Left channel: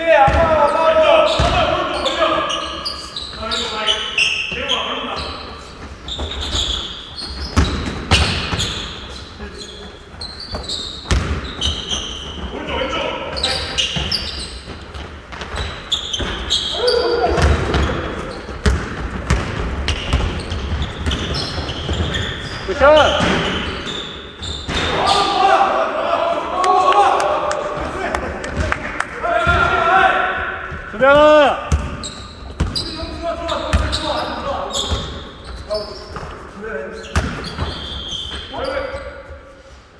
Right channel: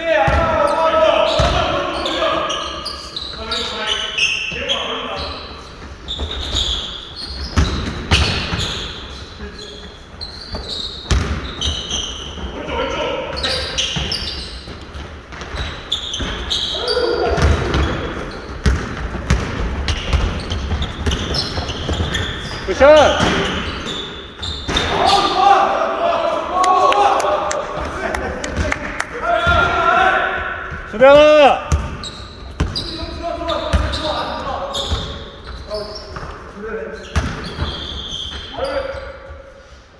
Yeah, I'm not going to go. I'm not going to go. I'm not going to go. I'm not going to go. 수변아!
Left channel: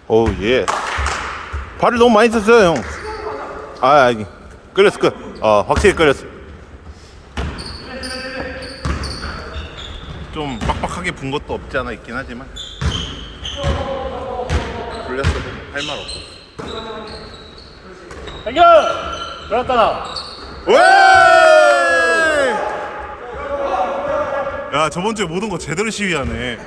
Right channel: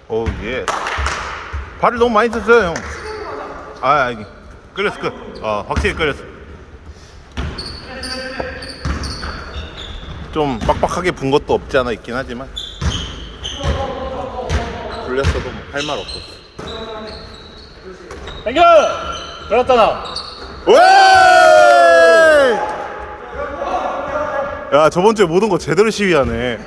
오 예. 발을 너무 많이 썼어요 형. 아 아니 끌렸어 끌. 어 확실히 끌렸어. 좀 빡빡하게 분 것도 없지 않아 있긴 하지만 불렸어도 할말 없었어. 당겨! 그렇다 나. 야 저번 주에 모든 거 제대로 시위하네.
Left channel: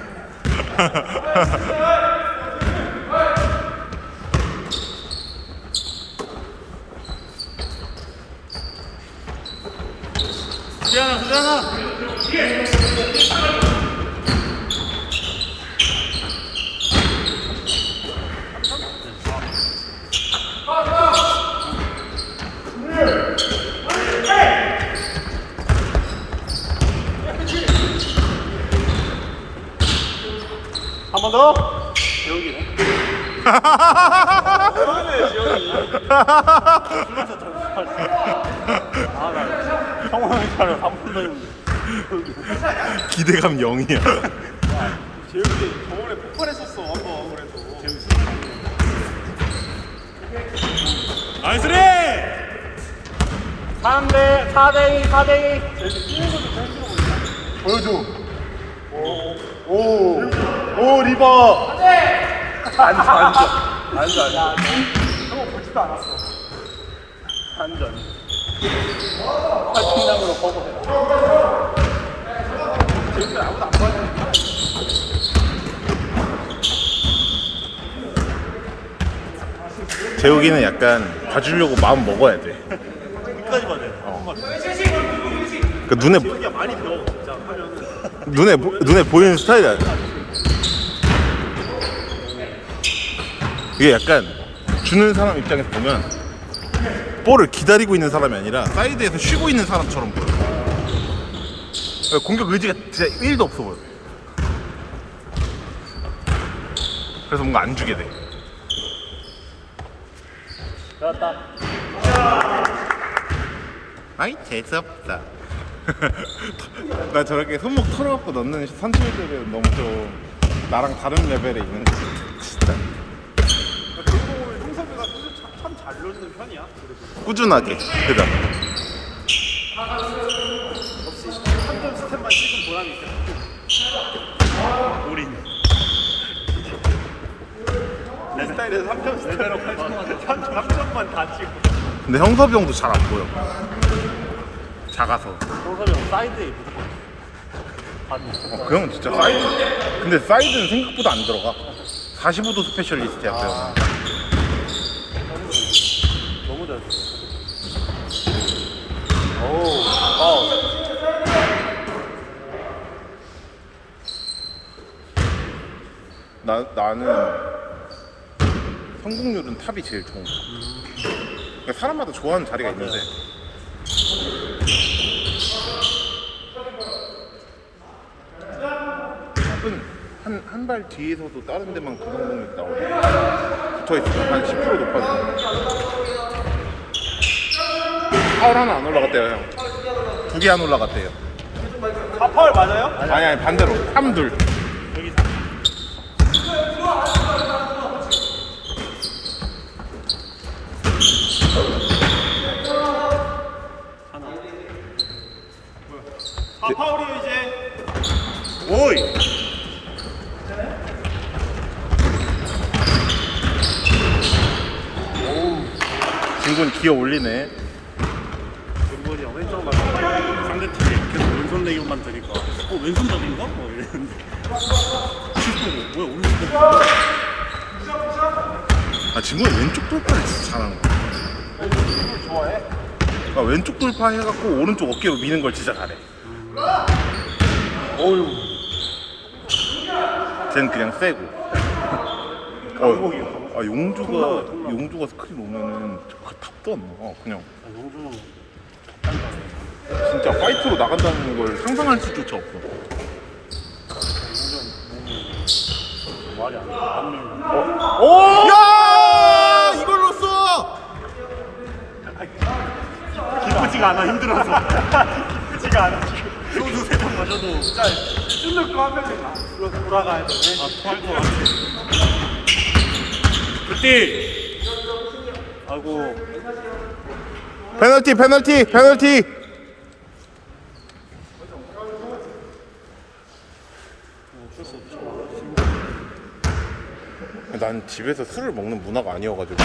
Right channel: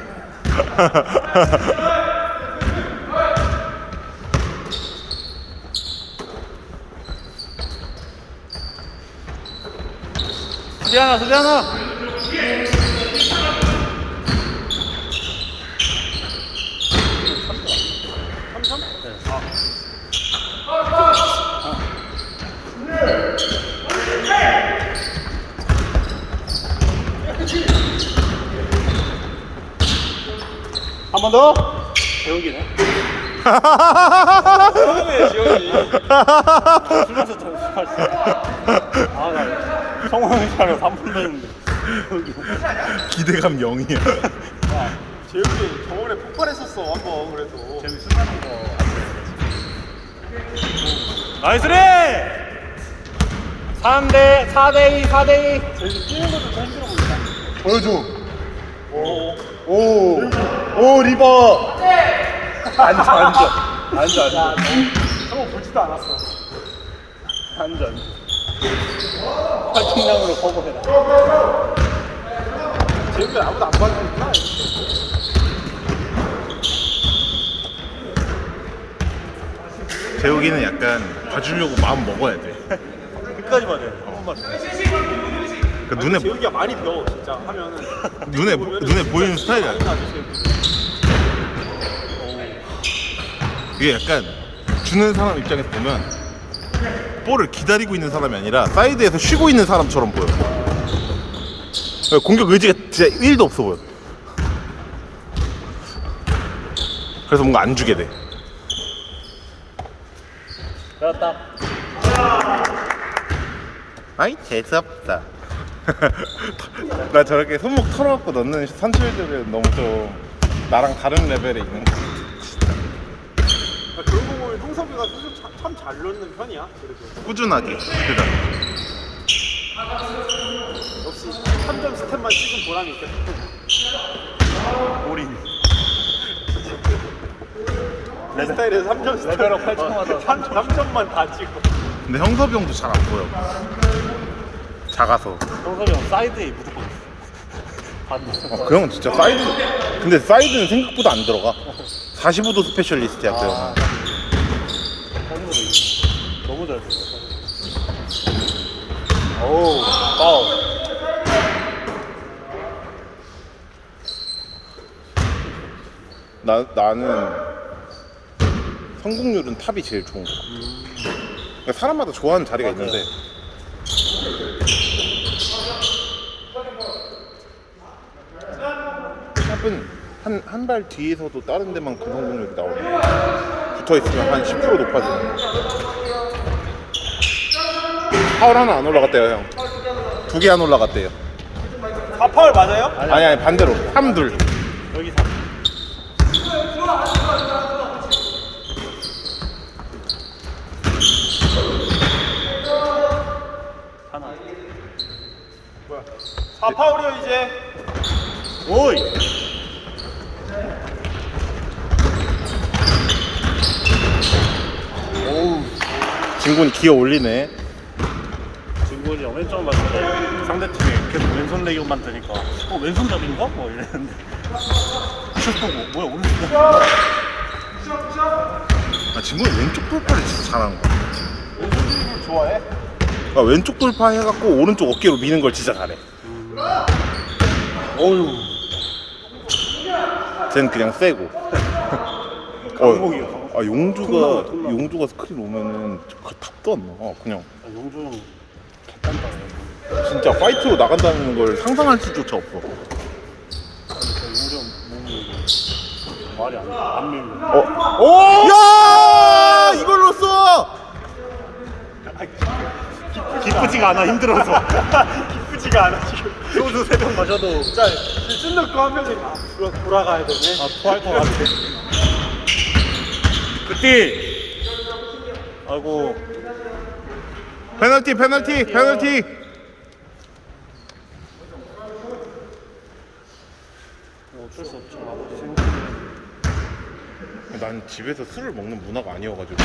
수변아! 한 번 더? 성훈이 차를 3분 했는데 기대감 0이야. 재욱이 저번에 폭발했었어 한번 그래도 재밌어 나이스 리 3대 4대2 4대2 보여줘. 오, 오, 오 리버. 앉아 앉아 앉아 앉아 보지도 않았어 앉아 팔팀장으로 커버해 재욱이 아무도 안 봐요 재욱이는 약간 봐주려고 마음 먹어야 돼. 끝까지 봐야 돼. 한 번만. 그 눈에 재욱이가 많이 배워 진짜 하면은. 눈에 보- 눈에 보이는 스타일이 아니야. 이게 약간 주는 사람 입장에서 보면 볼을 기다리고 있는 사람이 아니라 사이드에서 쉬고 있는 사람처럼 보여. 공격 의지가 진짜 1도 없어 보여. 그래서 뭔가 안 주게 돼. 그렇다. 아이 재수없다. 나 저렇게 손목 털어갖고 넣는 선수들은 너무 좀 나랑 다른 레벨에 있는 거 같아. 진짜 그러고 보면 홍석이가 참잘 넣는 편이야. 꾸준하게. 그다. 역시 3점 스텝만 찍은 보람이 있겠다. 올인. 내 스타일에서 3점 스텝. 레벨업 8점마다 3점만 다 찍고. 근데 형섭이 형도 잘 안 보여. 작아서. 홍석이 형 사이드에 무조건. 어, 그 형은 진짜 사이드. 근데 사이드는 생각보다 안 들어가. 45도 스페셜리스트야, 그 형은. 나, 나는 성공률은 탑이 제일 좋은 거 같아. 그러니까 사람마다 좋아하는 자리가 있는데 탑은 한한 발 뒤에서도 다른 데만 그 성공률이 나오고 붙어 있으면 한 10% 높아지는 거. 파울 하나 안 올라갔대요 형. 두 개 안 올라갔대요. 4파울 맞아요? 아니 아니 반대로 3, 둘. 여기 3. 하나. 뭐야? 4파울이요 이제. 오이. 중군 기어 올리네. 형 왼쪽 가서 상대팀이 계속 왼손 레이업만 되니까 어 왼손 잡인가? 뭐 이랬는데 슛 보고 뭐야 오른손 잡인가? 아 중군이 왼쪽 돌파를 진짜 잘하는 거야. 좋아해 그러니까 왼쪽 돌파 해갖고 오른쪽 어깨로 미는 걸 진짜 잘해. 어휴. 쟤는 그냥 세고. 어, 아 용주가 용주가 스크린 오면은 그 탑도 안 나와. 그냥 용준 진짜 파이트로 나간다는 걸 상상할 수조차 없어. 말이 안 돼. 안 밀고. 어? 야 이걸로 써. 기쁘지가 않아 힘들어서. 기쁘지가 않아 지금. 소주 세병 마셔도 진짜 술 넣고 한 나- 돌아가야 되네. 아 토할 것 같아. 그때 아이고 페널티 페널티 페널티. 난 집에서 술을 먹는 문화가 아니어가지고.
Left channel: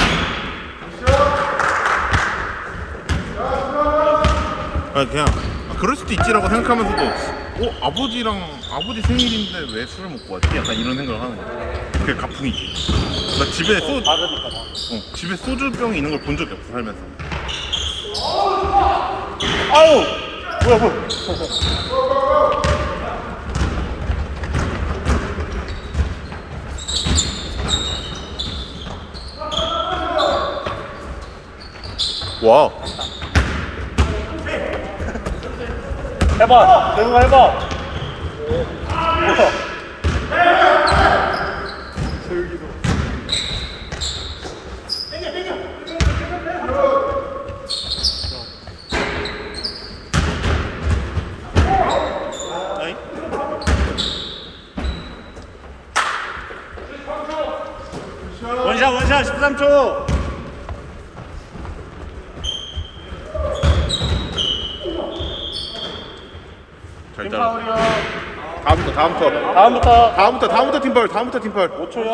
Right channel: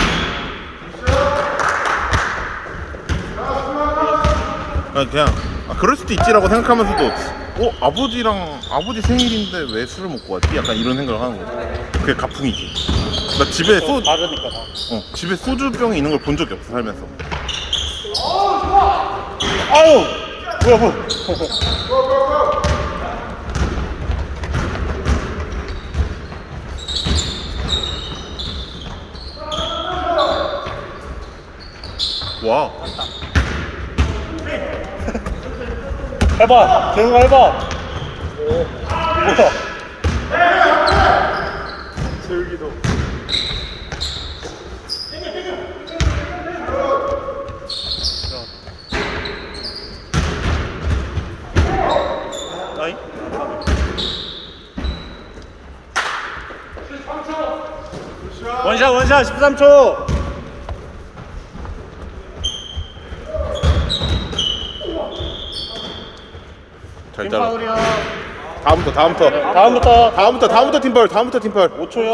아 그냥 아 그럴 수도 있지라고 생각하면서도 어 아버지랑 아버지 생일인데 왜 술을 먹고 왔지? 약간 이런 생각을 하는 거지. 그게 가풍이지. 나 집에 소 다르니까. 어, 집에 소주병이 있는 걸 본 적이 없어 살면서. 아유. 뭐야 뭐야. 와. 해봐. 대웅 해봐. 원샷 원샷 13초 잘 잘라. 다음부터 다음부터 다음부터 다음부터 다음부터 팀팔 다음부터 팀팔. 5초요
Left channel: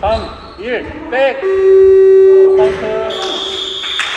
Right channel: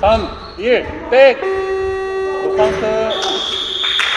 3 1 백!